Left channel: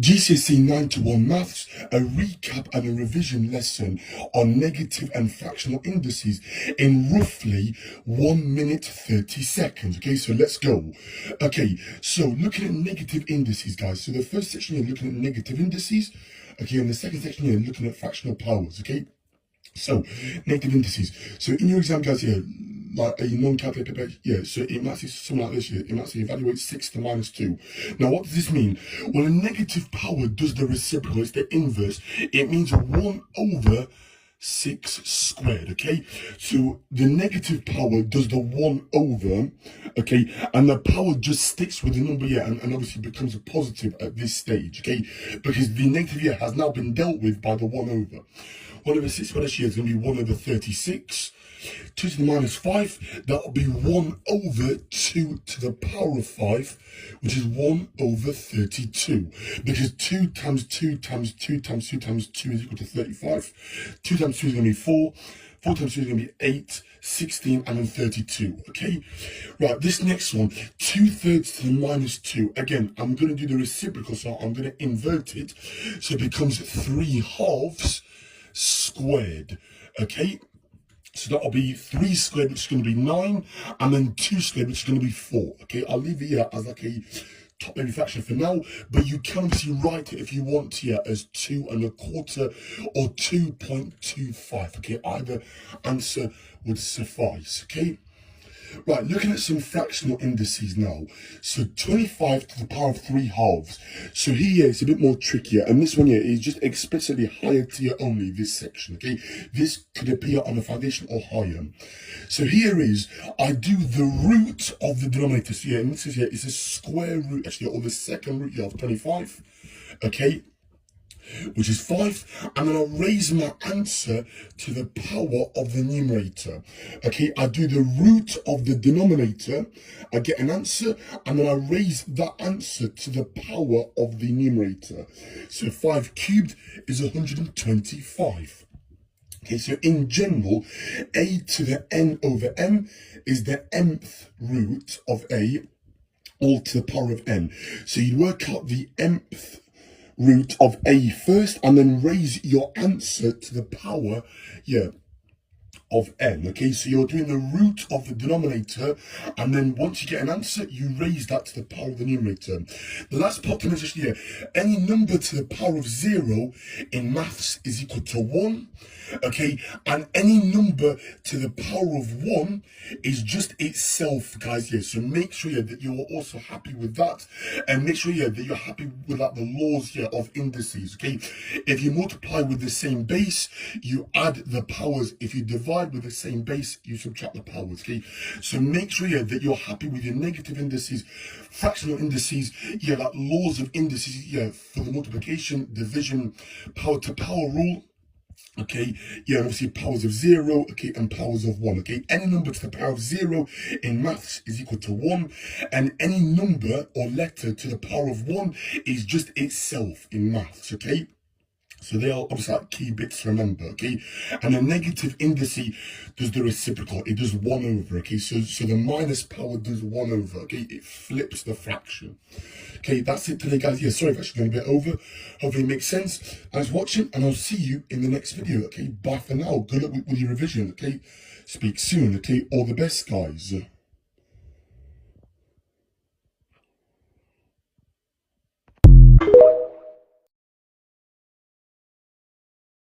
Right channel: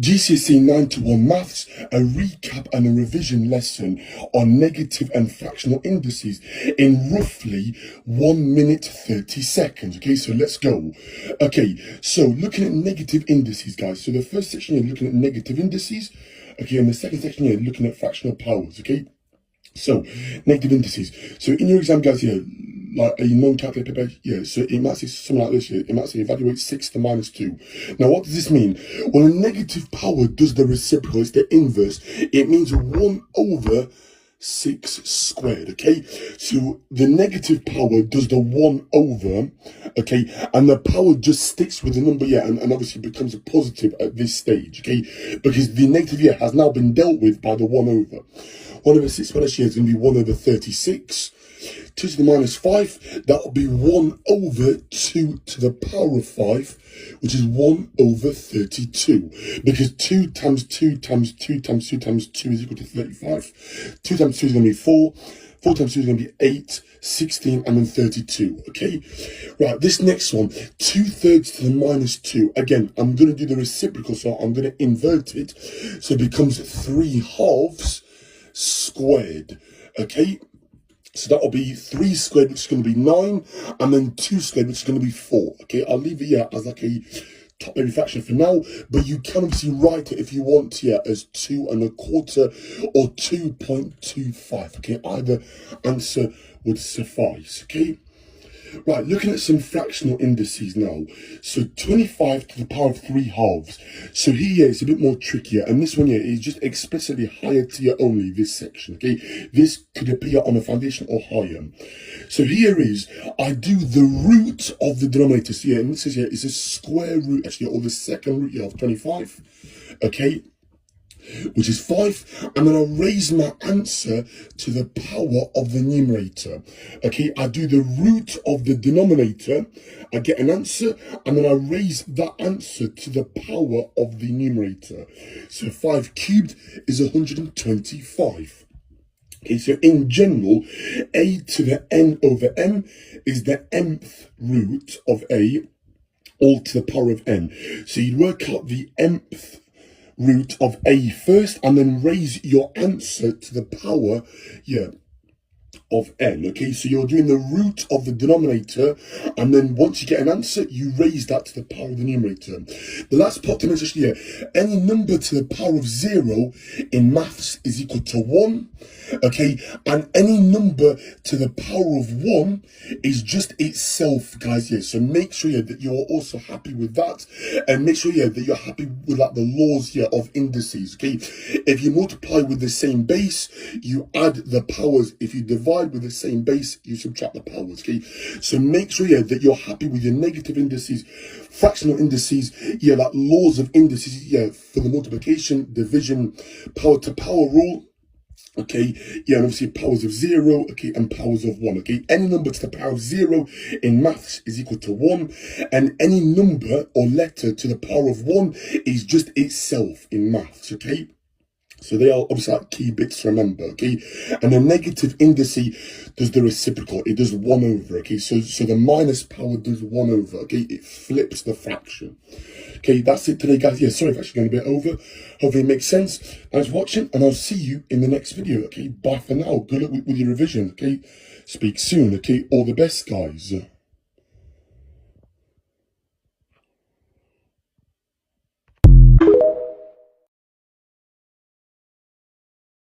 GCSE 91 Maths, a recap and a revision lesson on negative and fractional indices in roughly 1 minute 30 seconds. Okay, so let's go. Okay, so looking at negative indices, guys. So the first section, you're looking at negative indices. Okay, and the second section, you're looking at fractional powers. Okay, so negative indices. So in your exam, guys, yeah, like a non-calculated paper, yeah, so it might say something like this, yeah, it might say evaluate 6 to minus 2. Now, what does this mean? Well, a negative power does the reciprocal, it's the inverse. It means 1 over 6 squared, okay? So the negative power does the 1 over, okay? And the power just sticks with the number, yeah, and obviously becomes a positive at this stage, okay? Because the negative, yeah, has now been dealt with by the 1 over. 1 over 6 minus, yeah, is going to be 1 over 36. 2 to the minus 5, that would be 1 over 2 to the power of 5, which is 1 over 32. Because 2 times 2 times 2 times 2 times 2 is equal to 35. 2 times 2 is going to be 4. 4 times 2 is going to be 8, 16, and then 32, okay? Right, this next one, 2/3 to the minus 2. Again, I'm going to do the reciprocal, so I'm going to invert it. So it becomes 3/2 squared, okay? So that will be 3 squared, which is going to be 9, and then 2 squared, which is going to be 4. Okay, I'll leave it here as like a top-heavy fraction for now, but you can obviously write it if you want here as 2 1/4 or 2.25. Okay, either answer would suffice. Okay. Right, looking at some fractional indices now. So 25 to the power of 3/2. So here it's a bit more trickier, and this one here is just explicitly higher tier only, this section, okay? This could appear on a foundation or higher. So here is, I do the root of the denominator. So yeah, and this is here, it's a square root, actually, or the second root, you have 25, okay? Which is 5, and then I raise my answer to the power of the numerator. Okay, I do the root of the denominator, I get an answer, and then I raise that answer to the power of the numerator. So 5 cubed is 125. Okay, so in general, a to the n over m is the nth root of a, all to the power of n. So you work out the nth root of a first, and then raise your answer to the power, yeah, of n. Okay, so you're doing the root of the denominator, and then once you get an answer, you raise that to the power of the numerator. The last part to mention here, any number to the power of 0 in maths is equal to 1. Okay, and any number to the power of 1 is just itself, guys. Yeah, so make sure, yeah, that you're also happy with that, and make sure, yeah, that you're happy with like the laws here of indices. Okay, if you multiply with the same base, you add the powers. If you divide with the same base, you subtract the powers. Okay, so make sure, yeah, that you're happy with your negative indices, fractional indices, yeah, like laws of indices, yeah, for the multiplication, division, power to power rule. Okay, yeah, and obviously powers of 0, okay, and powers of 1, okay? Any number to the power of 0 in maths is equal to 1, and any number or letter to the power of 1 is just itself in maths, okay? So they are obviously like key bits to remember, okay? And a negative indice does the reciprocal. It does 1 over, okay? So the minus power does 1 over, okay? It flips the fraction. Okay, that's it today, guys. Yeah, sorry if I've actually gone a bit over. Hopefully it makes sense. Thanks for watching, and I'll see you in the next video, okay? Bye for now. Good luck with your revision, okay? Speak soon, okay? All the best, guys.